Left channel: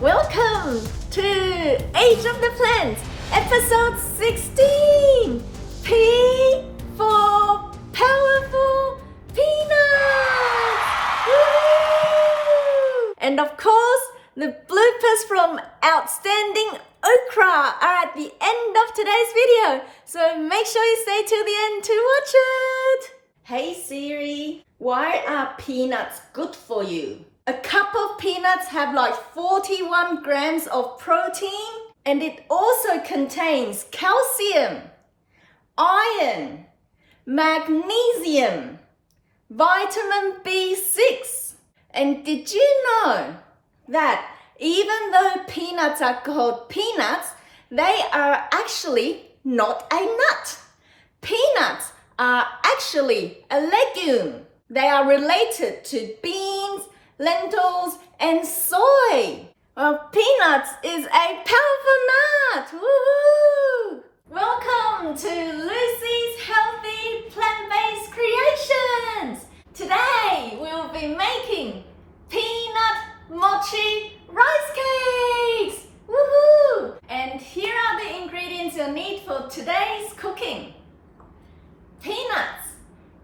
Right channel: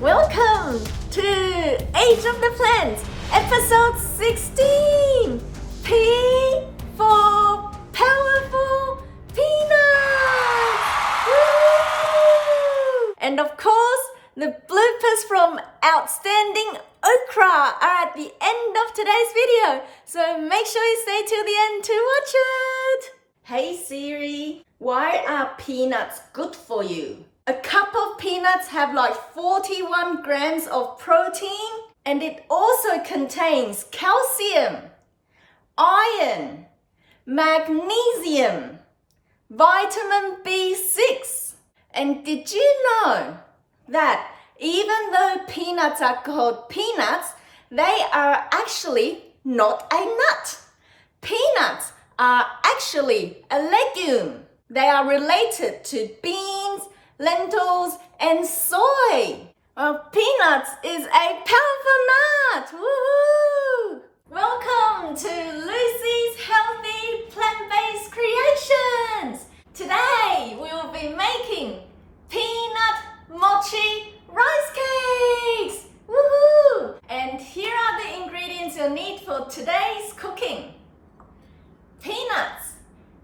Welcome to Age of the Plants, episode 16! P for Powerful Peanuts! Woo! And of course, the bloopers from Outstanding Okra are at the end of today's video, so make sure you stay till the end to watch it! Hey Siri, why are peanuts good for you? A cup of peanuts have like 41 grams of protein, and it also contains calcium, iron, magnesium, vitamin B6. And did you know that even though peanuts are called peanuts, they are actually not a nut? Peanuts are actually a legume. They are related to beans, lentils, and soy. Well, peanuts is a powerful nut. Woohoo! Welcome to Lucy's Healthy Plant-Based Creations. Today we will be making peanut mochi rice cakes. Woohoo! And here are the ingredients you'll need for today's cooking. Peanuts.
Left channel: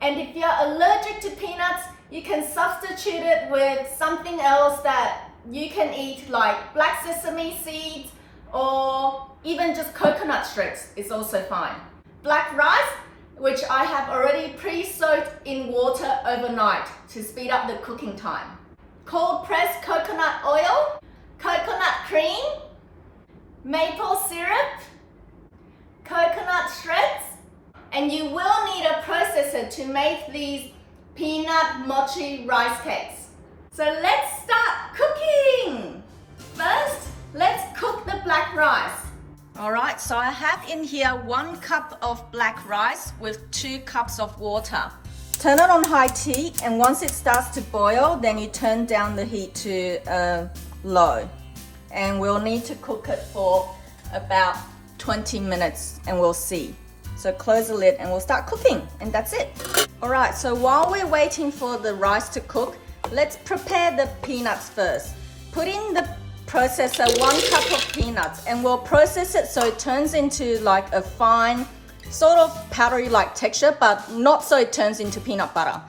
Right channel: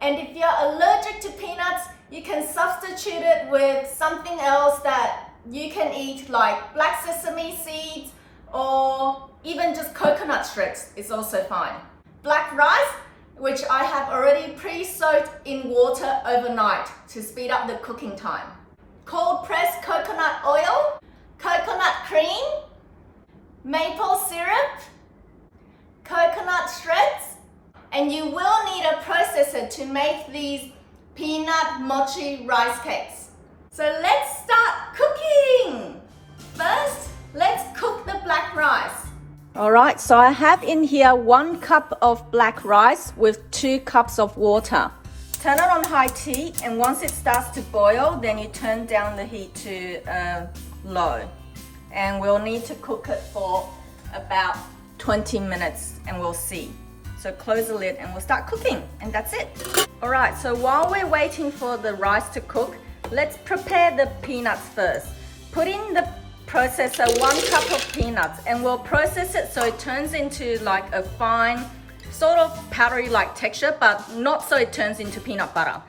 And if you're allergic to peanuts, you can substitute it with something else that you can eat, like black sesame seeds or even just coconut shreds is also fine. Black rice, which I have already pre-soaked in water overnight to speed up the cooking time. Cold pressed coconut oil, coconut cream, maple syrup, coconut shreds, and you will need a processor to make these peanut mochi rice cakes. So let's start cooking. First, let's cook the black rice. Alright, so I have in here 1 cup of black rice with 2 cups of water. Turn it on high heat, and once it starts to boil, then you turn down the heat to low. And we'll need to cook it for about 20 minutes and we'll see. So close the lid and we'll start cooking, and that's it. Alright, so while we're waiting for the rice to cook, let's prepare the peanuts first. Put in the processor 1 cup of peanuts, and we'll process it so it turns into like a fine, sort of powdery like texture, but not so it turns into peanut butter.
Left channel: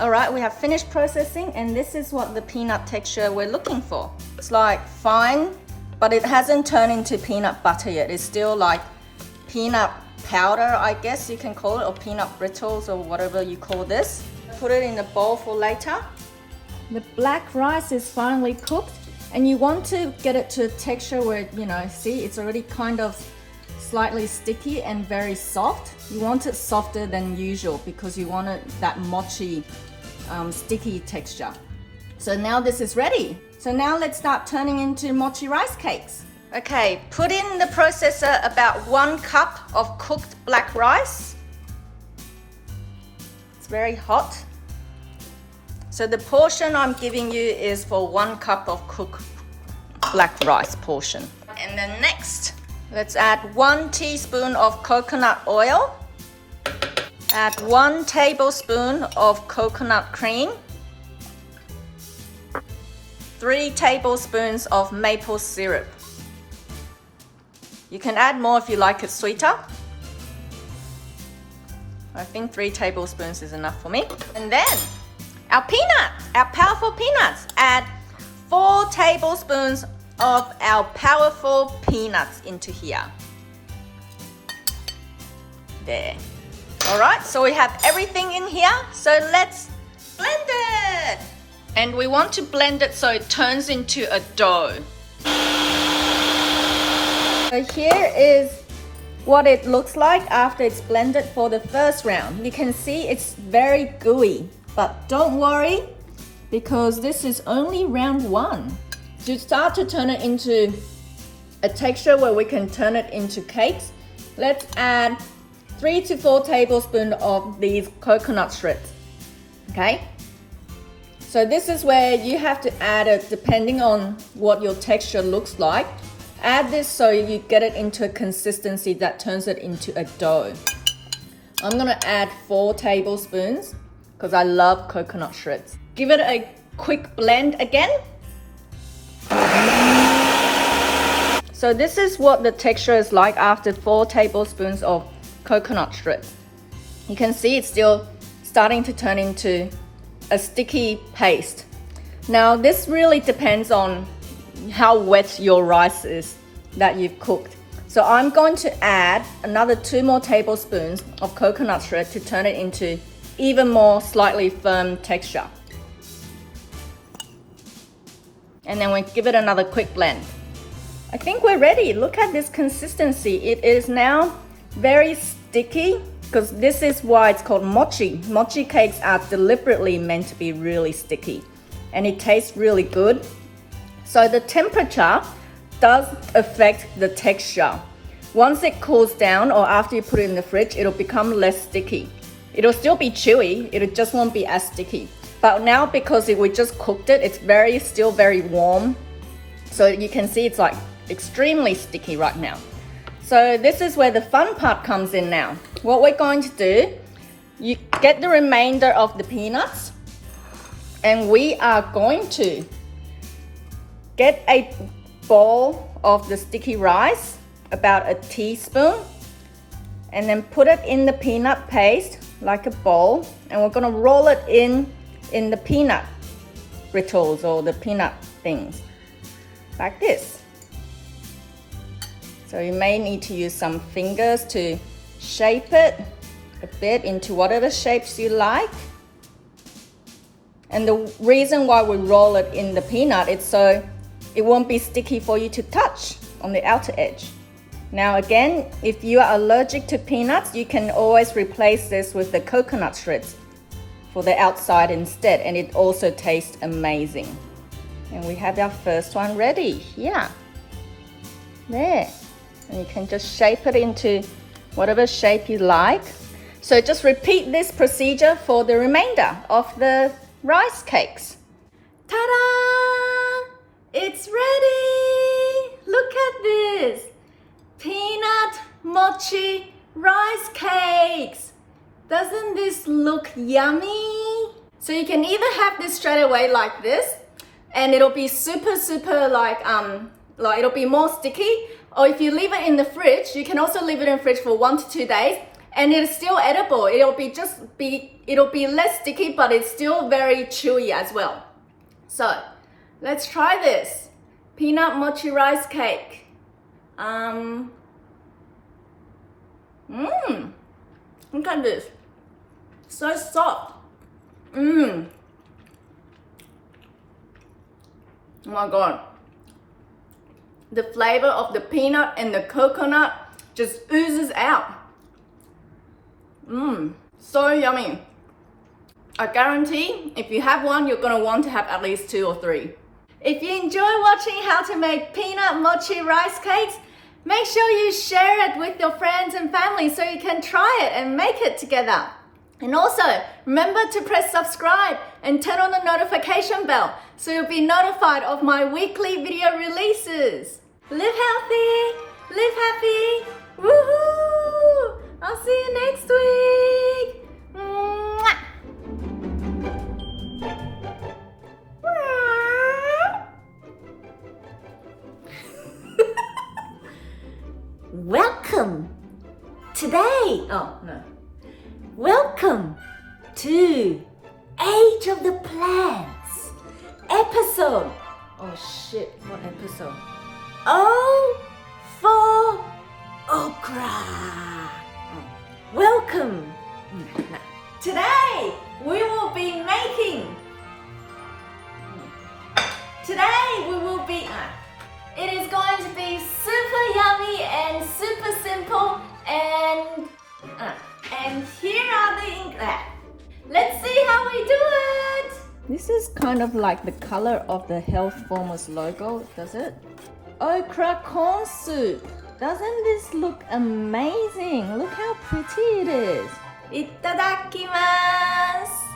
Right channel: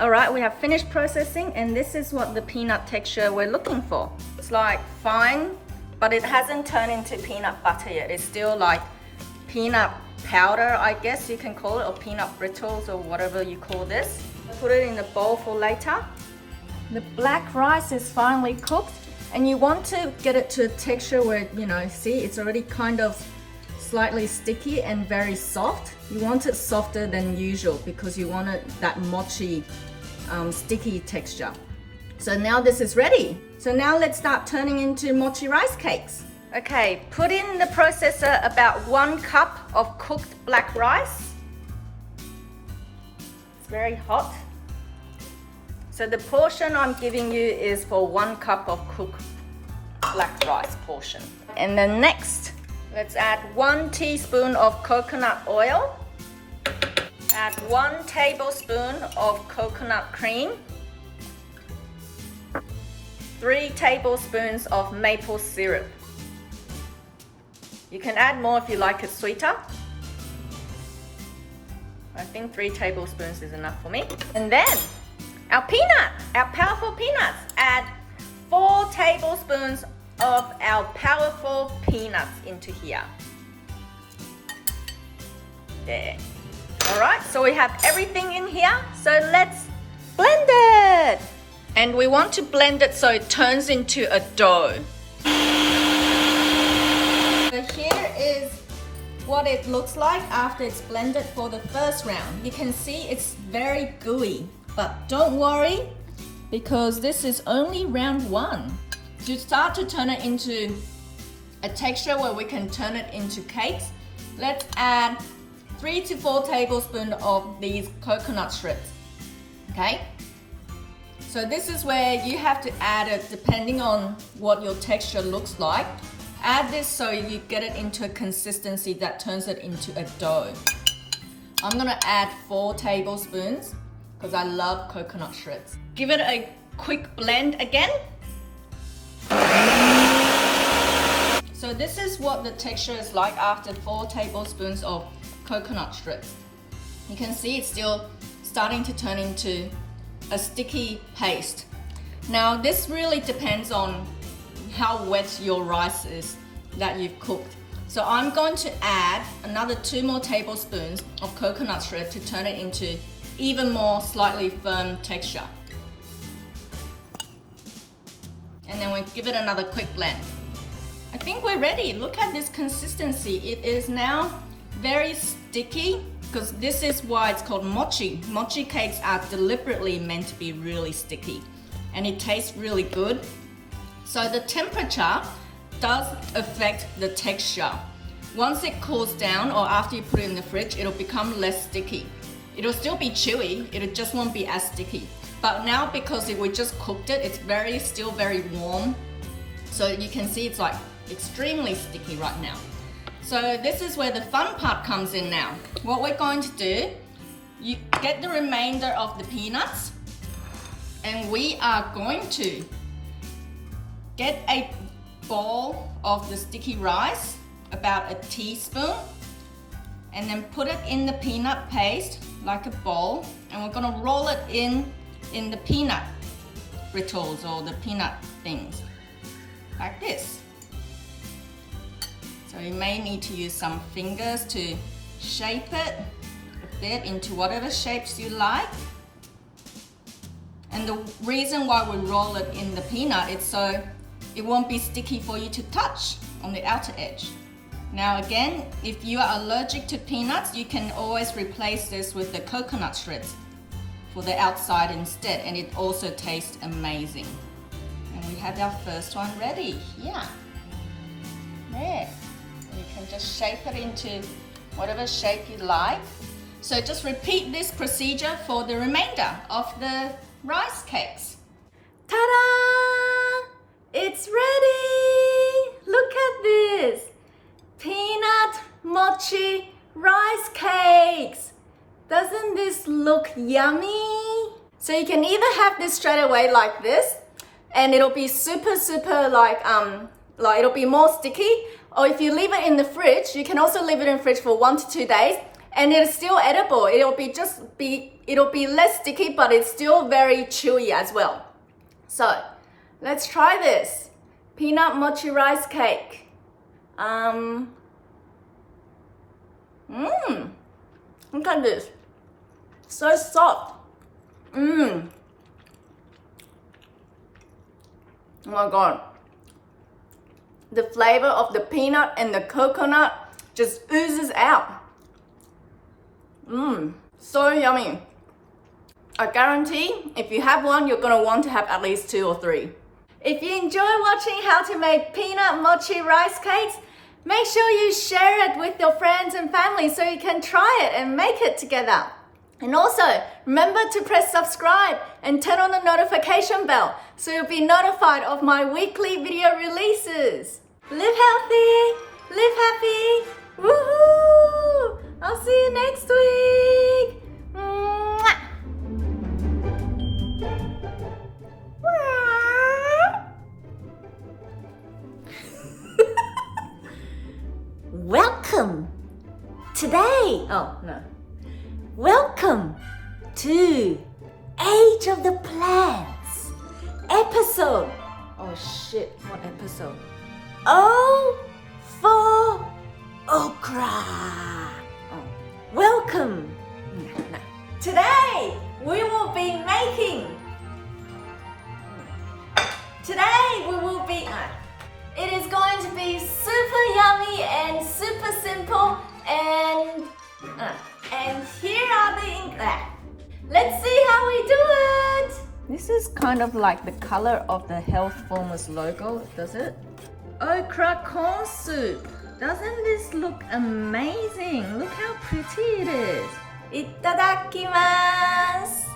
Alright, we have finished processing, and this is what the peanut texture we're looking for. It's like fine, but it hasn't turned into peanut butter yet. It's still like peanut powder, I guess you can call it, or peanut brittles, or whatever you call this. Put it in a bowl for later. The black rice is finally cooked, and you want to get it to a texture where, you know, see, it's already kind of slightly sticky and very soft. You want it softer than usual because you want it that mochi sticky texture. So now this is ready. So now let's start turning into mochi rice cakes. Okay, put in the processor about 1 cup of cooked black rice. It's very hot. So the portion I'm giving you is for 1 cup of cooked black rice portion. And then next, let's add 1 teaspoon of coconut oil. Add 1 tablespoon of coconut cream. 3 tablespoons of maple syrup. You can add more if you like it sweeter. I think 3 tablespoons is enough for me. And then our powerful peanuts. Add 4 tablespoons of our powerful peanuts into here. There. Alright, so we have everything in here. So let's blend it. And we want to blend it so it turns into a dough. So here is what it looks like after it's blended for the first round. You can see it's very gooey, but don't worry because this is only round 1. To start to turn it into a texture where we can turn it into cakes, let's add 3 to 4 tablespoons of these coconut shreds. Okay? So this is where you have to add it depending on what your texture looks like. Add this so you get it into a consistency that turns it into a dough. I'm gonna add 4 tablespoons because I love coconut shreds. Give it a quick blend again. So this is what the texture is like after 4 tablespoons of coconut strips. You can see it's still starting to turn into a sticky paste. Now this really depends on how wet your rice is that you've cooked. So I'm going to add another 2 more tablespoons of coconut strip to turn it into even more slightly firm texture. And then we give it another quick blend. I think we're ready. Look at this consistency. It is now very sticky because this is why it's called mochi. Mochi cakes are deliberately meant to be really sticky and it tastes really good. So the temperature does affect the texture. Once it cools down or after you put it in the fridge, it'll become less sticky. It'll still be chewy, it just won't be as sticky. But now because we just cooked it, it's still very warm. So you can see it's like extremely sticky right now. So this is where the fun part comes in now. What we're going to do, you get the remainder of the peanuts and we are going to get a bowl of the sticky rice, about a teaspoon, and then put it in the peanut paste like a bowl, and we're gonna roll it in the peanut brittles or the peanut things, like this. So you may need to use some fingers to shape it a bit into whatever shapes you like. And the reason why we roll it in the peanut is so it won't be sticky for you to touch on the outer edge. Now again, if you are allergic to peanuts, you can always replace this with the coconut strips for the outside instead, and it also tastes amazing. And we have our first one ready here. There. And you can just shape it into whatever shape you like. So just repeat this procedure for the remainder of the rice cakes. Ta-da! It's ready! Look at this! Peanut mochi rice cakes! Doesn't this look yummy? So you can either have this straight away like this, and it'll be super like it'll be more sticky, or if you leave it in the fridge, you can also leave it in the fridge for 1 to 2 days, and it's still edible. It'll be less sticky, but it's still very chewy as well. So let's try this peanut mochi rice cake. Look at this, so soft. Oh my god, the flavor of the peanut and the coconut just oozes out. So yummy. I guarantee if you have one, you're gonna want to have at least 2 or 3. If you enjoy watching how to make peanut mochi rice cakes, make sure you share it with your friends and family so you can try it and make it together. And also, remember to press subscribe and turn on the notification bell so you'll be notified of my weekly video releases. Live healthy, live happy, woohoo! I'll see you next week. Mwah! Welcome today. Oh no. Welcome to Age of the Plants episode. Oh shit, what episode? O for okra. Welcome. Today we will be making. It is going to be super yummy and super simple, and here are the ingredients. Let's see how we do it. This is kind of like the color of the Health Formers logo, does it? Okra corn soup. Doesn't this look amazing? Look how pretty it is. Itadakimasu.